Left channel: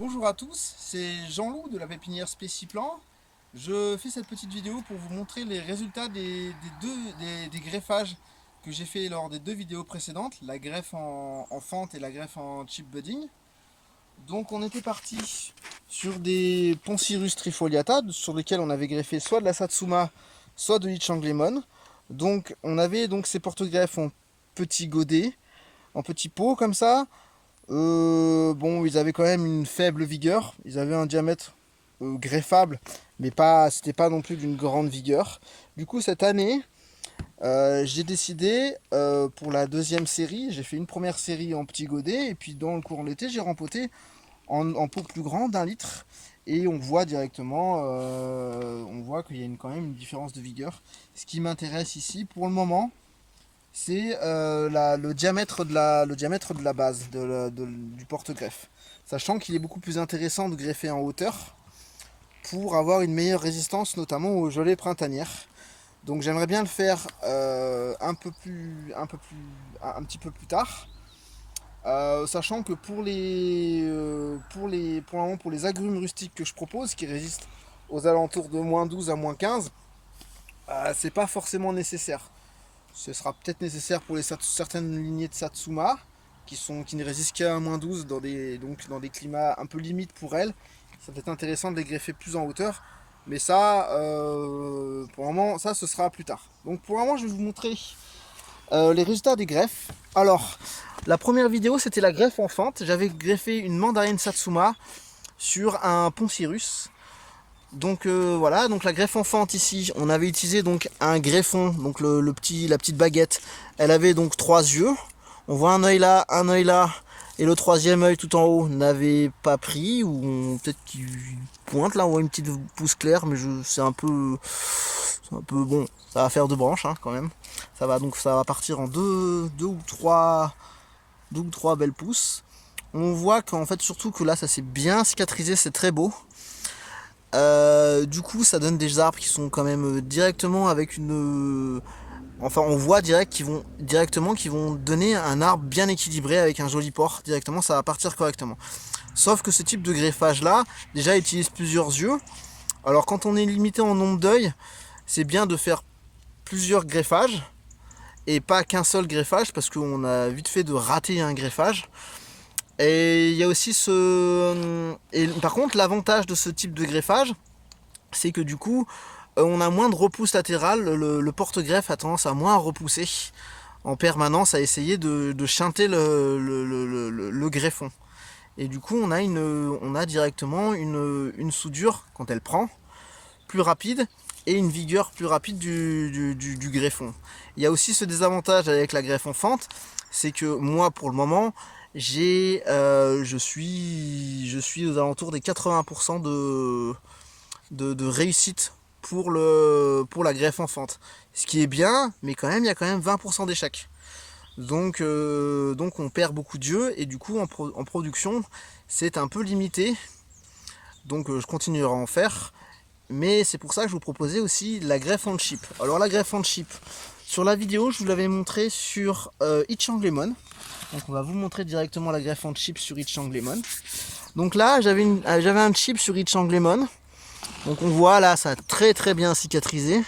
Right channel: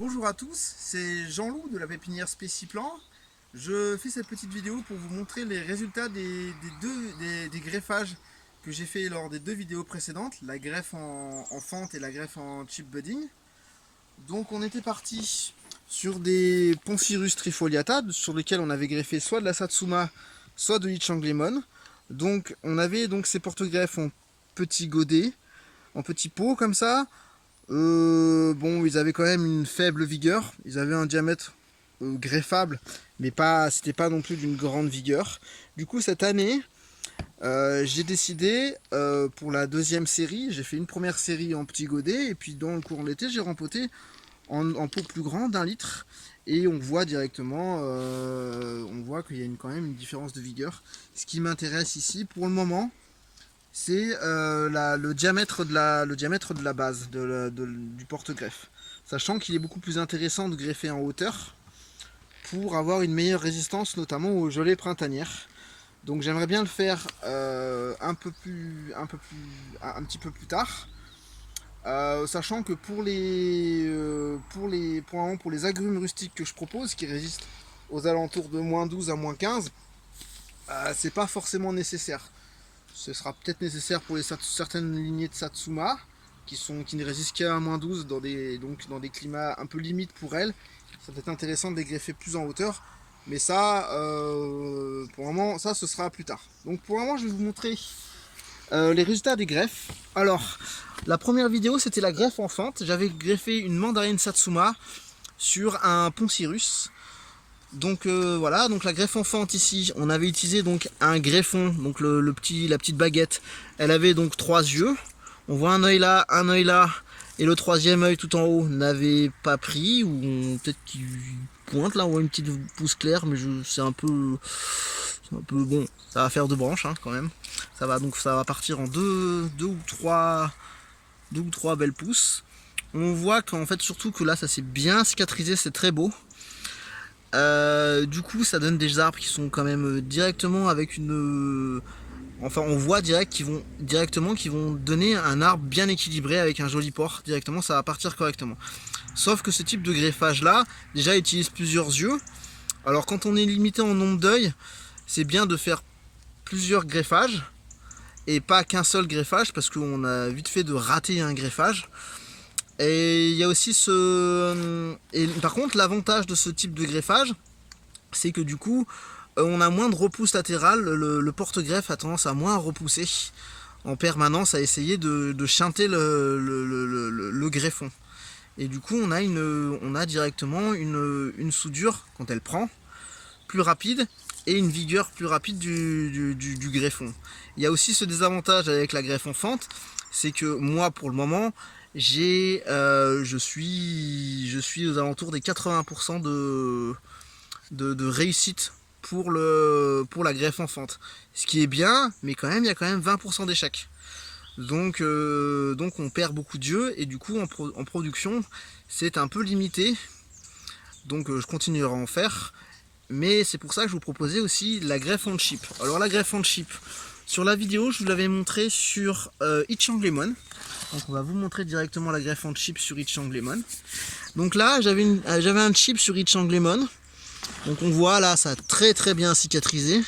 Bonjour à tous, c'est Jean-Loup de la pépinière Spéciplan. Je fais cette petite vidéo pour vous montrer les résultats des greffages que j'ai fait lors des deux vidéos précédentes, la greffe en fente et la greffe en chip budding. Donc on était parti sur des Poncirus trifoliata sur lesquels on avait greffé soit de la Satsuma, soit de l'Ichang Lemon. Donc on avait donc ces porte-greffes en petits godets, en petits pots comme ça. Bon, ils avaient quand même une faible vigueur. Ils avaient un diamètre greffable, mais c'était pas non plus d'une grande vigueur. Du coup, cette année, j'ai décidé pour la deuxième série, j'ai fait une première série en petit godet, et puis dans le courant de l'été, j'ai rempoté en pot plus grand d'1 litre. Et on voit directement, on voit qu'il y a quand même une différence de vigueur. Ce qui m'intéresse ici, pour le moment, c'est le diamètre de la base du porte-greffe. Sachant qu'il est beaucoup plus intéressant de greffer en hauteur pour avoir une meilleure résistance, notamment aux gelées printanières. Donc j'aimerais bien le faire un petit peu plus tard. Sachant que pour les agrumes rustiques que je propose, qui résistent aux alentours de -12 à -15, c'est pas forcément nécessaire. Ce sera peut-être nécessaire pour certaines lignées de Satsuma qui ne résistent qu'à -12 dans des climats un peu limites pour elles. Ça peut être intéressant de les greffer plus en hauteur. Mais ça, pour le moment, ça ce sera plus tard. Donc pour le moment, je vais vous montrer les résultats des greffes. Alors, la première vidéo, c'était la greffe en fente. J'avais greffé une mandarine Satsuma sur un Poncirus. Donc voilà, donc la greffe en fente ici, on avait utilisé donc un greffon, donc la petite baguette. Elle avait donc 3 yeux. On voit un œil là, et le troisième œil tout en haut n'avait pas pris, ou peut-être qu'il pointe là, on voit une petite pousse claire, mais c'est un peu bon. Ça va faire 2 branches hein, quand même. Ça va partir en deux ou trois belles pousses. On voit qu'en fait surtout que là ça s'est bien cicatrisé, c'est très beau. Du coup ça donne des arbres qui sont quand même directement avec une... Enfin on voit qu'ils vont donner un arbre bien équilibré avec un joli port. Directement ça va partir correctement. Sauf que ce type de greffage là, déjà utilise plusieurs yeux. Alors quand on est limité en nombre d'œils, c'est bien de faire plusieurs greffages et pas qu'un seul greffage, parce qu'on a vite fait de rater un greffage. Et il y a aussi par contre, l'avantage de ce type de greffage, c'est que du coup, on a moins de repousse latérale. Le porte-greffe a tendance à moins repousser en permanence, à essayer de chanter le greffon. Et du coup, on a directement une soudure, quand elle prend, plus rapide et une vigueur plus rapide du greffon. Il y a aussi ce désavantage avec la greffe en fente, c'est que moi, pour le moment, je suis aux alentours des 80% de réussite pour la greffe en fente. Ce qui est bien, mais quand même, il y a quand même 20% d'échecs. Donc on perd beaucoup d'yeux, et du coup, en production, c'est un peu limité. Donc je continuerai à en faire. Mais c'est pour ça que je vous proposais aussi la greffe en chip. Alors la greffe en chip, sur la vidéo, je vous l'avais montré sur Ichang Lemon. Donc on va vous montrer directement la greffe en chip sur Ichang Lemon. Donc là, j'avais un chip sur Ichang Lemon. Donc on voit là, ça a très bien cicatrisé.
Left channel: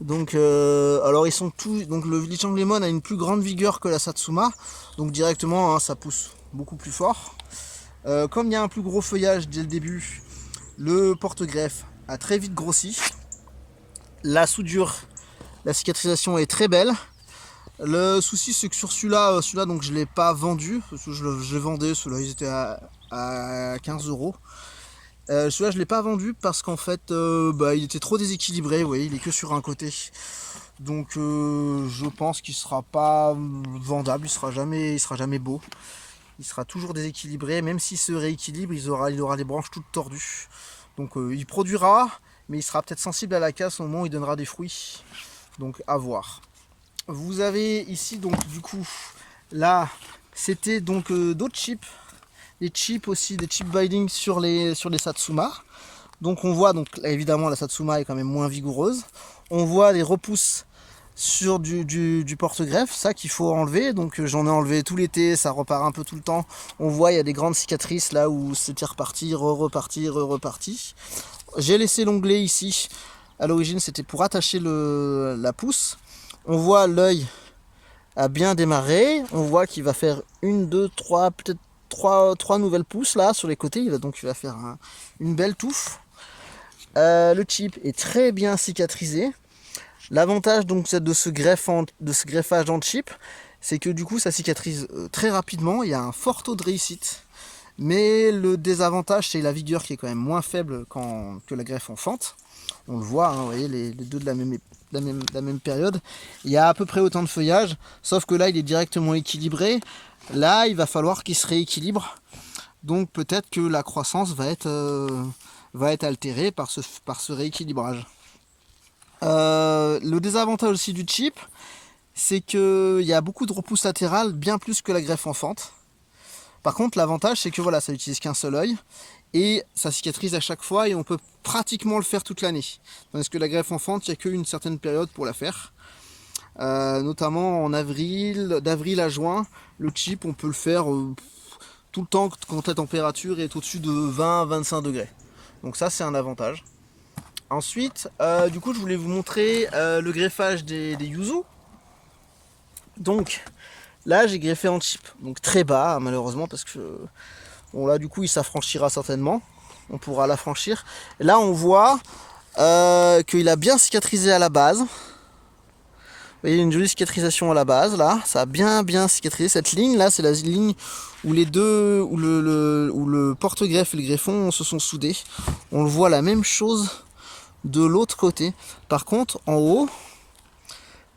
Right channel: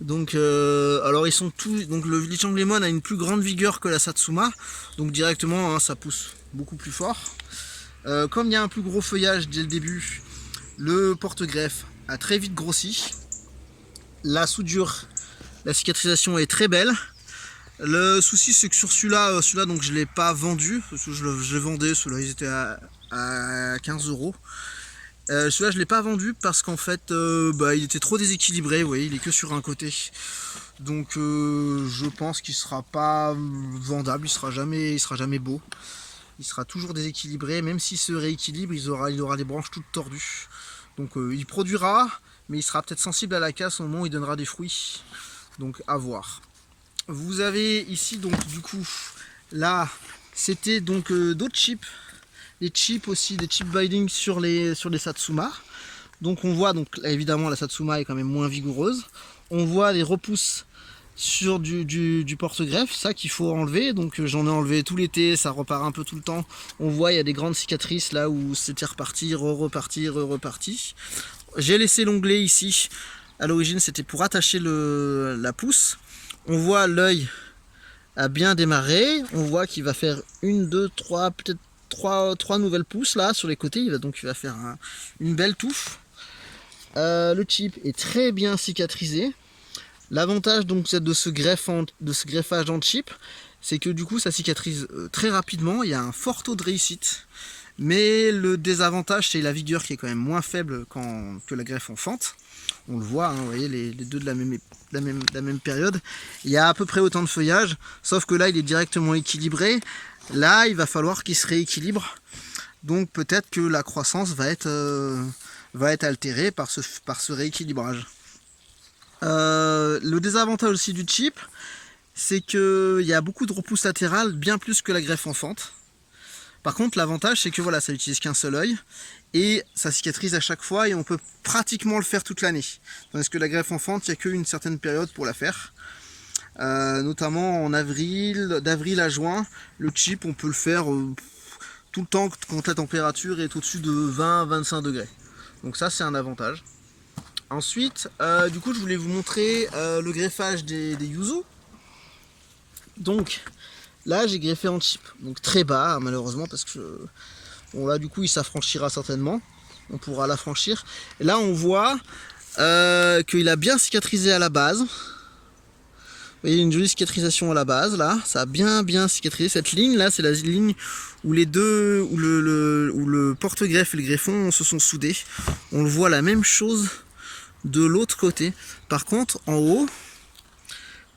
Donc alors ils sont tous. Donc le Ichang Lemon a une plus grande vigueur que la Satsuma. Donc directement, hein, ça pousse beaucoup plus fort. Comme il y a un plus gros feuillage dès le début, le porte-greffe a très vite grossi. La soudure, la cicatrisation est très belle. Le souci, c'est que sur celui-là, donc je l'ai pas vendu, parce que je le vendais, ceux-là ils étaient à 15 €. Celui-là je l'ai pas vendu parce qu'en fait il était trop déséquilibré. Vous voyez, il est que sur un côté. Donc je pense qu'il sera pas vendable, il sera jamais beau. Il sera toujours déséquilibré, même s'il se rééquilibre, il aura les branches toutes tordues. Donc il produira, mais il sera peut-être sensible à la casse au moment où il donnera des fruits. Donc à voir. Vous avez ici donc du coup, là c'était donc d'autres chips, des chips aussi, des chip binding sur les Satsuma. Donc on voit, donc évidemment la Satsuma est quand même moins vigoureuse. On voit les repousses sur du porte-greffe, ça qu'il faut enlever. Donc j'en ai enlevé tout l'été, ça repart un peu tout le temps. On voit il y a des grandes cicatrices là où c'était reparti, reparti, reparti. J'ai laissé l'onglet ici. À l'origine c'était pour attacher la pousse. On voit l'œil a bien démarré. On voit qu'il va faire une, deux, trois, peut-être trois nouvelles pousses là sur les côtés. Il va faire une belle touffe. Le chip est très bien cicatrisé. L'avantage donc de ce greffage en chip, c'est que du coup ça cicatrise très rapidement. Il y a un fort taux de réussite. Mais le désavantage, c'est la vigueur qui est quand même moins faible que la greffe en fente. On le voit, hein, vous voyez, les deux de la même période. Il y a à peu près autant de feuillage, sauf que là, il est directement équilibré. Là, il va falloir qu'il se rééquilibre. Donc peut-être que la croissance va être altérée par ce rééquilibrage. Le désavantage aussi du chip, c'est qu'il y a beaucoup de repousse latérale, bien plus que la greffe en fente. Par contre, l'avantage, c'est que voilà, ça utilise qu'un seul œil et ça cicatrise à chaque fois et on peut pratiquement le faire toute l'année. Tandis que la greffe en fente, il n'y a qu'une certaine période pour la faire. Notamment en d'avril à juin, le chip, on peut le faire tout le temps quand la température est au-dessus de 20-25 degrés. Donc ça, c'est un avantage. Ensuite, du coup, je voulais vous montrer le greffage des yuzu. Donc, là, j'ai greffé en chip, donc très bas, malheureusement, parce que bon, là, du coup, il s'affranchira certainement. On pourra l'affranchir. Là, on voit qu'il a bien cicatrisé à la base. Vous voyez, une jolie cicatrisation à la base, là. Ça a bien cicatrisé. Cette ligne, là, c'est la ligne où les deux, où le porte-greffe et le greffon se sont soudés. On le voit la même chose de l'autre côté. Par contre, en haut,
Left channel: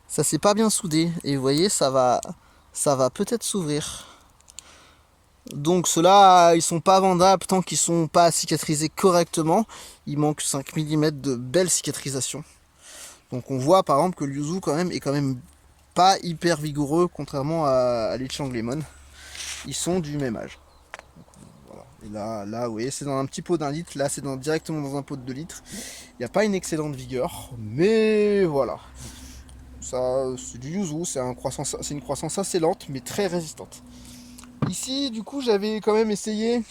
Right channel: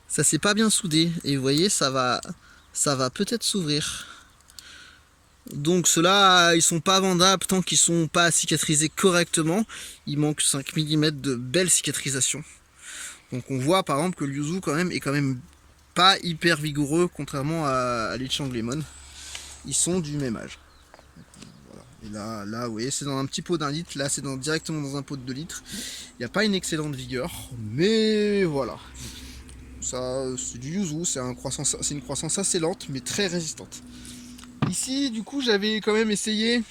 ça s'est pas bien soudé. Et vous voyez, ça va peut-être s'ouvrir. Donc ceux-là, ils sont pas vendables tant qu'ils sont pas cicatrisés correctement. Il manque 5 mm de belle cicatrisation. Donc on voit par exemple que le yuzu est quand même pas hyper vigoureux contrairement à l'Ichang Lemon. Ils sont du même âge. Voilà. Et là, vous voyez, c'est dans un petit pot d'1 litre. Là, c'est directement dans un pot de 2 litres. Il n'y a pas une excellente vigueur, mais voilà. Ça, c'est du yuzu, c'est une croissance assez lente, mais très résistante. Ici, du coup, j'avais quand même essayé.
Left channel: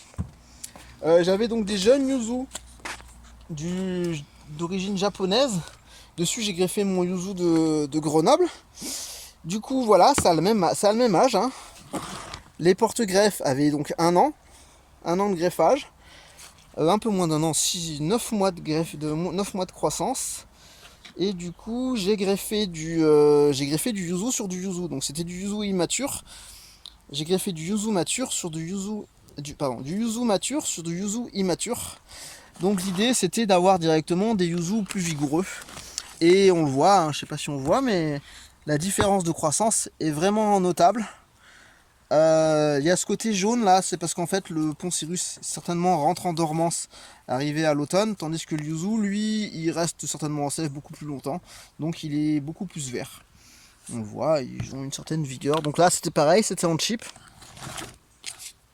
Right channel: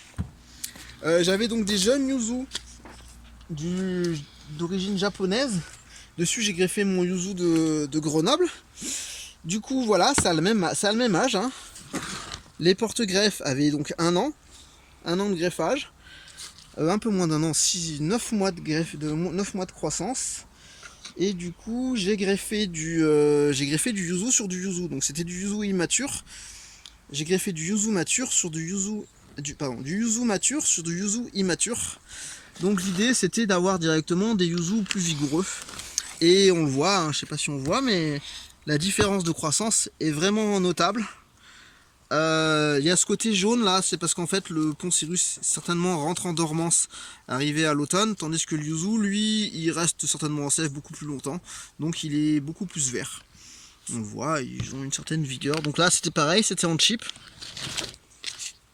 J'avais donc des jeunes yuzu d'origine japonaise. Dessus, j'ai greffé mon yuzu de Grenoble. Du coup, voilà, ça a le même âge. Hein. Les porte-greffes avaient donc 1 an de greffage. Un peu moins d'1 an, 9 mois de croissance. Et du coup, j'ai greffé du yuzu sur du yuzu. Donc c'était du yuzu immature. J'ai greffé du yuzu mature sur du yuzu mature sur du yuzu immature. Donc l'idée, c'était d'avoir directement des yuzu plus vigoureux. Et on le voit, hein, je sais pas si on voit, mais la différence de croissance est vraiment notable. Il y a ce côté jaune là, c'est parce qu'en fait le Poncirus certainement rentre en dormance arrivé à l'automne, tandis que le yuzu, lui, il reste certainement en sève beaucoup plus longtemps, donc il est beaucoup plus vert. On voit, ils ont une certaine vigueur. Donc là, c'était pareil, c'était en chip.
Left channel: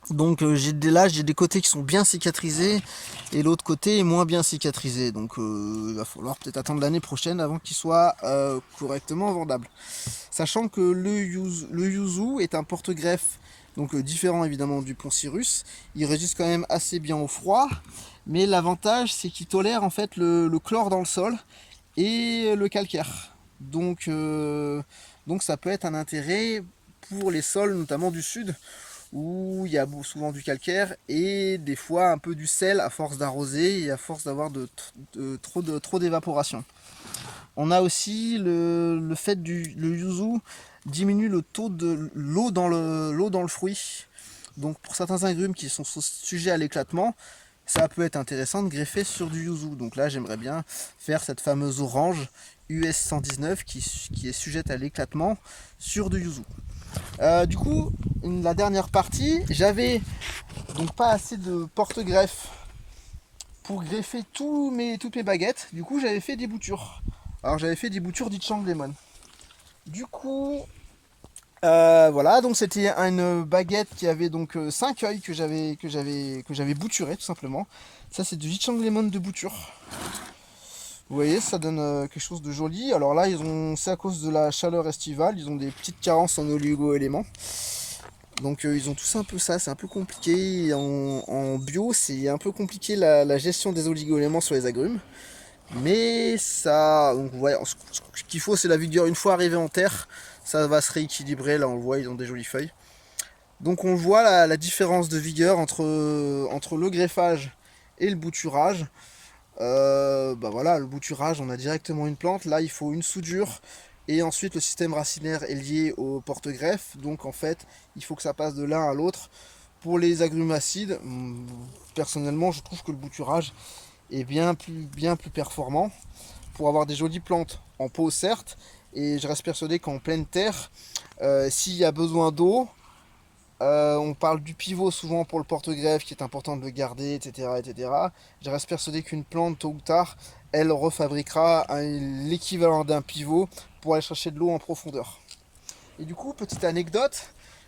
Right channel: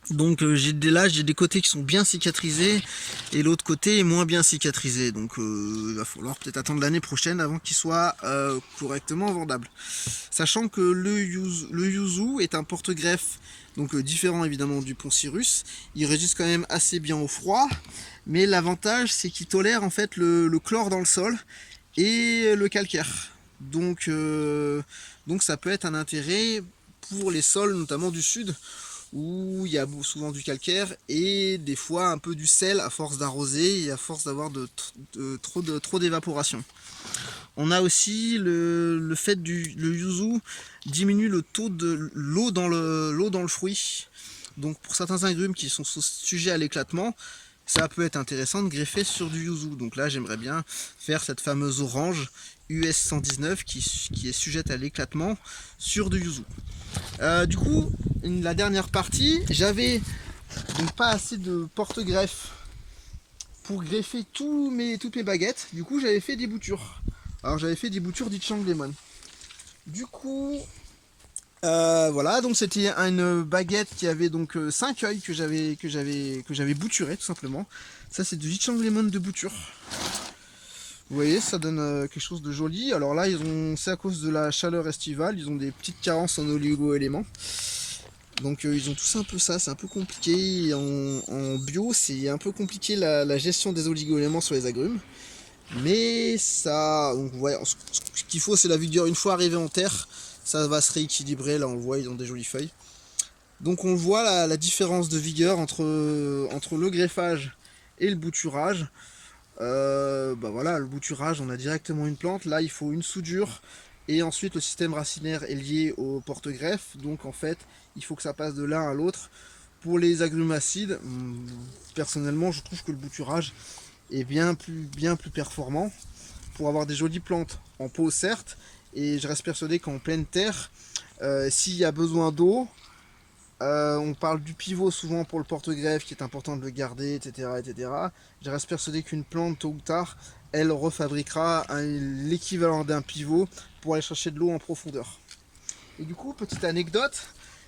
Donc j'ai des côtés qui sont bien cicatrisés et l'autre côté est moins bien cicatrisé. Donc il va falloir peut-être attendre l'année prochaine avant qu'il soit correctement vendable. Sachant que le yuzu est un porte-greffe donc différent évidemment du Poncirus. Il résiste quand même assez bien au froid, mais l'avantage c'est qu'il tolère en fait le chlore dans le sol et le calcaire. Donc ça peut être un intérêt pour les sols notamment du sud où il y a souvent du calcaire et des fois un peu du sel à force d'arroser et à force d'avoir trop d'évaporation. On a aussi le fait le yuzu diminue le taux de l'eau dans le fruit. Donc pour certains agrumes qui sont sujets à l'éclatement, ça peut être intéressant de greffer sur du yuzu. Donc là, j'aimerais bien faire cette fameuse orange US 119 qui est sujette à l'éclatement sur du yuzu. Du coup, la dernière partie, j'avais donc pas assez de porte-greffe pour greffer toutes mes baguettes. Du coup, j'avais fait des boutures. Alors, j'avais fait des boutures d'Ichang Lemon. Du coup, voilà, donc c'était une baguette qui avait donc 5 œils que j'avais bouturé tout simplement. Ça, c'est de l'Ichang Lemon de bouture. Vous voyez, ça donne quelque chose de joli. Alors là, c'est à cause de la chaleur estivale, ils ont des petites carences en oligo-éléments. Donc ils ont tous un peu ça, c'est un peu compliqué. En bio, c'est un peu compliqué la gestion des oligo-éléments sur les agrumes. Mais ça, donc ouais, ce qu'il faut, c'est la vigueur. Une fois arrivé en terre, ça va se rééquilibrer. Là, on le voit, ils ont des jolies feuilles. Donc on voit la différence de vigueur entre le greffage et le bouturage. Bah voilà, le bouturage, on a directement une plante. Là, il faut une soudure. Et ensuite, le système racinaire est lié au porte-greffe. Donc en fait, il faut que ça passe de l'un à l'autre. Pour les agrumes acides, personnellement, je trouve que le bouturage est bien plus performant pour avoir des jolies plantes en pot, certes. Et je reste persuadé qu'en pleine terre, s'il y a besoin d'eau, on parle du pivot souvent pour le porte-greffe qui est important de le garder, etc. etc. Je reste persuadé qu'une plante, tôt ou tard, elle refabriquera l'équivalent d'un pivot pour aller chercher de l'eau en profondeur. Et du coup, petite anecdote,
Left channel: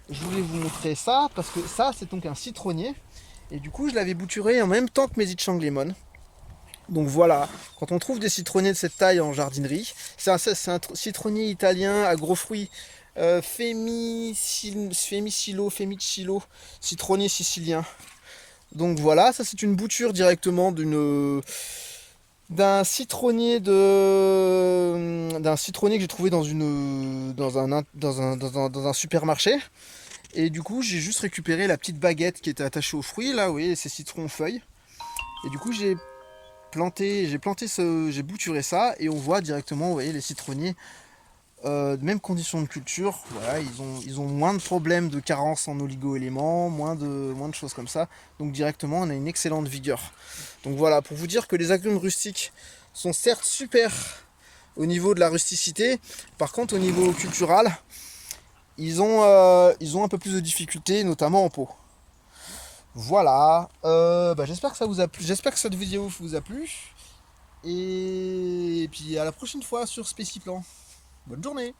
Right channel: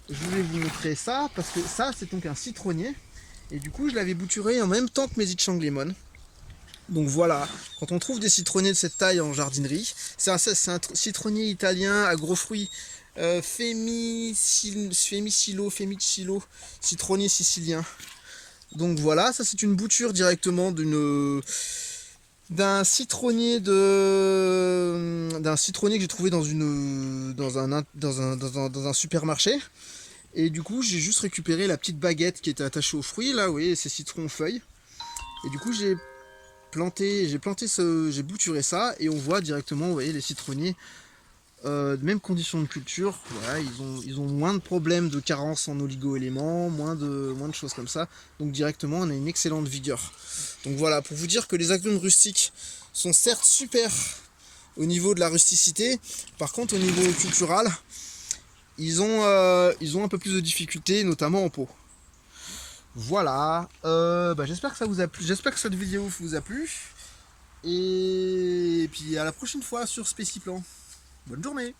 je voulais vous montrer ça parce que ça, c'est donc un citronnier. Et du coup, je l'avais bouturé en même temps que mes Ichang Lemon. Donc voilà, quand on trouve des citronniers de cette taille en jardinerie, c'est un citronnier italien à gros fruits, Femicillo, citronnier sicilien. Donc voilà, ça c'est une bouture directement d'un citronnier que j'ai trouvé dans un supermarché. Et du coup, j'ai juste récupéré la petite baguette qui était attachée aux fruits. Là, vous voyez, ces citrons feuilles. Et du coup, j'ai bouturé ça et on voit directement, vous voyez, les citronniers, même conditions de culture, voilà, ils ont moins de problèmes de carence en oligo-éléments, moins de choses comme ça. Donc directement, on a une excellente vigueur. Donc voilà, pour vous dire que les agrumes rustiques sont certes super au niveau de la rusticité, par contre au niveau cultural, ils ont un peu plus de difficultés, notamment en pot. Voilà, j'espère que ça vous a plu, j'espère que cette vidéo vous a plu. Et puis à la prochaine fois sur Spéciplan. Bonne journée!